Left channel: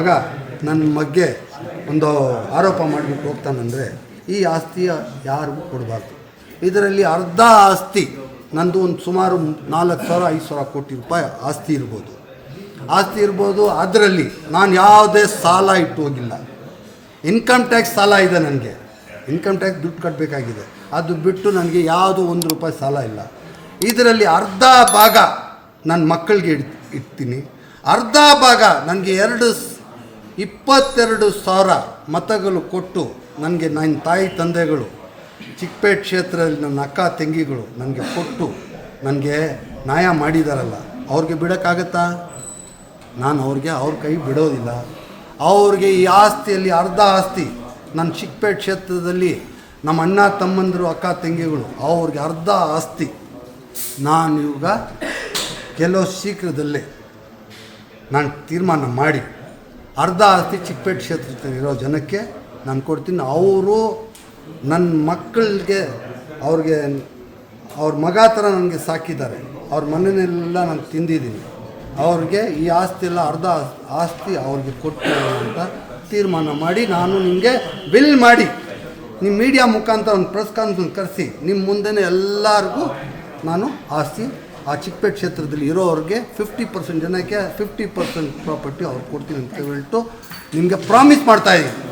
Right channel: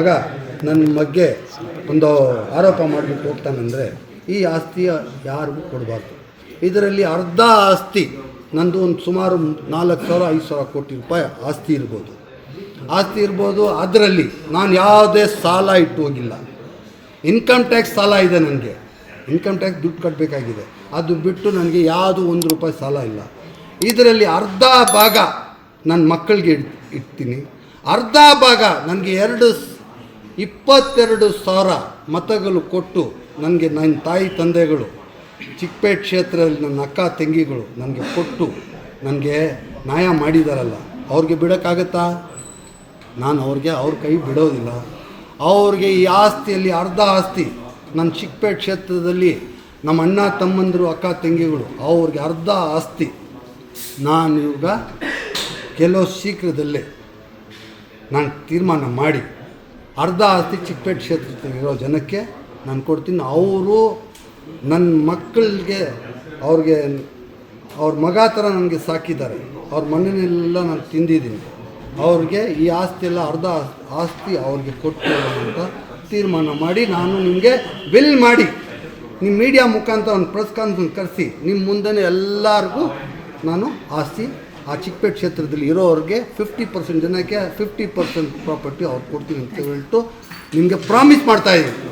ಮಗ ನನ್ನ ಬಗ್ಗೆ ಒಂದು ಆರೋಪ ಮಾಡಿಬಿಟ್ಟು ಹೋಗ್ತಾನಂದರೆ ಈ ಆಸ್ತಿಯ ಯಾರಿಗೂ ಕೊಡಬಾರ್ದು. ಇದರಲ್ಲಿ ಅರ್ಧ ಆಸ್ತಿ ನಂದು ಒಂದು ಸುಮಾರು 4,000-5,000 ಕೋಟಿ ರೂಪಾಯಿ ಆಸ್ತಿ ಇರ್ಬೋದು. ಅದರಲ್ಲಿ ನಾನು ಯಾವುದೇ ಸಾಲ ಇಟ್ಟು ಹೋಗಿಲ್ಲ. ಇನ್ಕಮ್ ಟ್ಯಾಕ್ಸ್ ಸಾಲ ಇದೆ, ನನಗೆ ಇನ್ಕಮ್ ಟ್ಯಾಕ್ಸ್ ದುಡ್ಡು ಕಟ್ಟಬೇಕಾಗಿದೆ. ಅದು ಬಿಟ್ಟು ನನಗೆ ಯಾವುದೂ ₹1 ಸಾಲ ಇಲ್ಲ. ಇದರಲ್ಲಿ ಅರ್ಧ ಭಾಗ ನನ್ನ ಮಕ್ಕಳಿಗೆ ಇಡ್ತೀನಿ, ಅರ್ಧ ಭಾಗ ನನಗೆ 22,000 ಮತಗಳು ಕೊಟ್ಟು ನನಗೆ ನನ್ನ ತಾಯಿ ತಂದೆಗಳು ಚಿಕ್ಕಪೇಟೆ ಕ್ಷೇತ್ರದಲ್ಲಿ ನನ್ನ ಅಕ್ಕ ತಂಗಿಗಳು ನನಗೆ ಕೊಟ್ಟು ನನಗೆ ನ್ಯಾಯ ಮಾಡಿದಾರಲ್ಲ, ಅವ್ರಿಗೆ ಬಿಡೋಕ್ಕಾಗತ್ತಾ? ನಾನು ಅವ್ರ ಕೈ ಬಿಡೋದಿಲ್ಲ. ಅವ್ರಿಗೆ ಈ ಆಸ್ತಿಯಲ್ಲಿ ಅರ್ಧ ಆಸ್ತಿ ನನ್ನ ಚಿಕ್ಕಪೇಟೆ ಕ್ಷೇತ್ರದಲ್ಲಿ ನಮ್ಮ ಅಣ್ಣ ತಮ್ಮಂದರು ಅಕ್ಕ ತಂಗಿಗಳು ಅವ್ರಿಗೆ ಅರ್ಧ ಆಸ್ತಿ ನಾನು ಇವಾಗ ಕೆಲವು ಶೀಘ್ರದಲ್ಲೇ ನಾನು ತೀರ್ಮಾನ ಮಾಡಿ ಅರ್ಧ ಆಸ್ತಿ ಚಿಕ್ಕಪೇಟೆ ಕ್ಷೇತ್ರದಲ್ಲಿರೋ ಜನಕ್ಕೆ ನಾನು ಕೊಡ್ತೀನಿ. ಅವರು ನನ್ನ ಮಕ್ಕಳಿಗೆ ಅವ್ರ ಮಗ ಥರ ನನಗೆ ಸಾಕಿದ್ದಾರೆ. ಅವ್ರ ಮನೆಯಲ್ಲೆಲ್ಲ ನಾನು ತಿಂದಿದ್ದೀನಿ. ಅವ್ರಿಗೆ ಈ ಆಸ್ತಿ ಎಲ್ಲ ಅರ್ಧ ಆಸ್ತಿ ಅವ್ರಿಗೆ ಕೊಟ್ಟು ಅಂತ ತೀರ್ಮಾನ ಮಾಡಿ ನಾನು ನಿಮಗೆ ಬಿಲ್ ಮಾಡಿ ನಿಮ್ಮ ಮೀಡಿಯಾ ಮುಖಾಂತರ ಒಂದು ಪ್ರೆಸ್ ಕಾನ್ಫರೆನ್ಸ್ ಕರೆಸಿ ನಿಮ್ಮ ಮುಂದೆ ಎಲ್ಲರಿಗೂ ನಾನು ಆಸ್ತಿ ಆ ಚಿಕ್ಕಪೇಟೆ ಕ್ಷೇತ್ರದಲ್ಲಿ ಇರೋರಿಗೆ 50% ಜನಕ್ಕೆ 50% ಪ್ರಾಪರ್ಟಿ ಅವ್ರು ಕೊಡ್ತೀನಿ ಅಂತ ಹೇಳ್ಬಿಟ್ಟು ನಿಮಗೆ ಪ್ರಾಮಿಸ್ ಮಾಡ್ತಾಯಿದ್ದೀನಿ.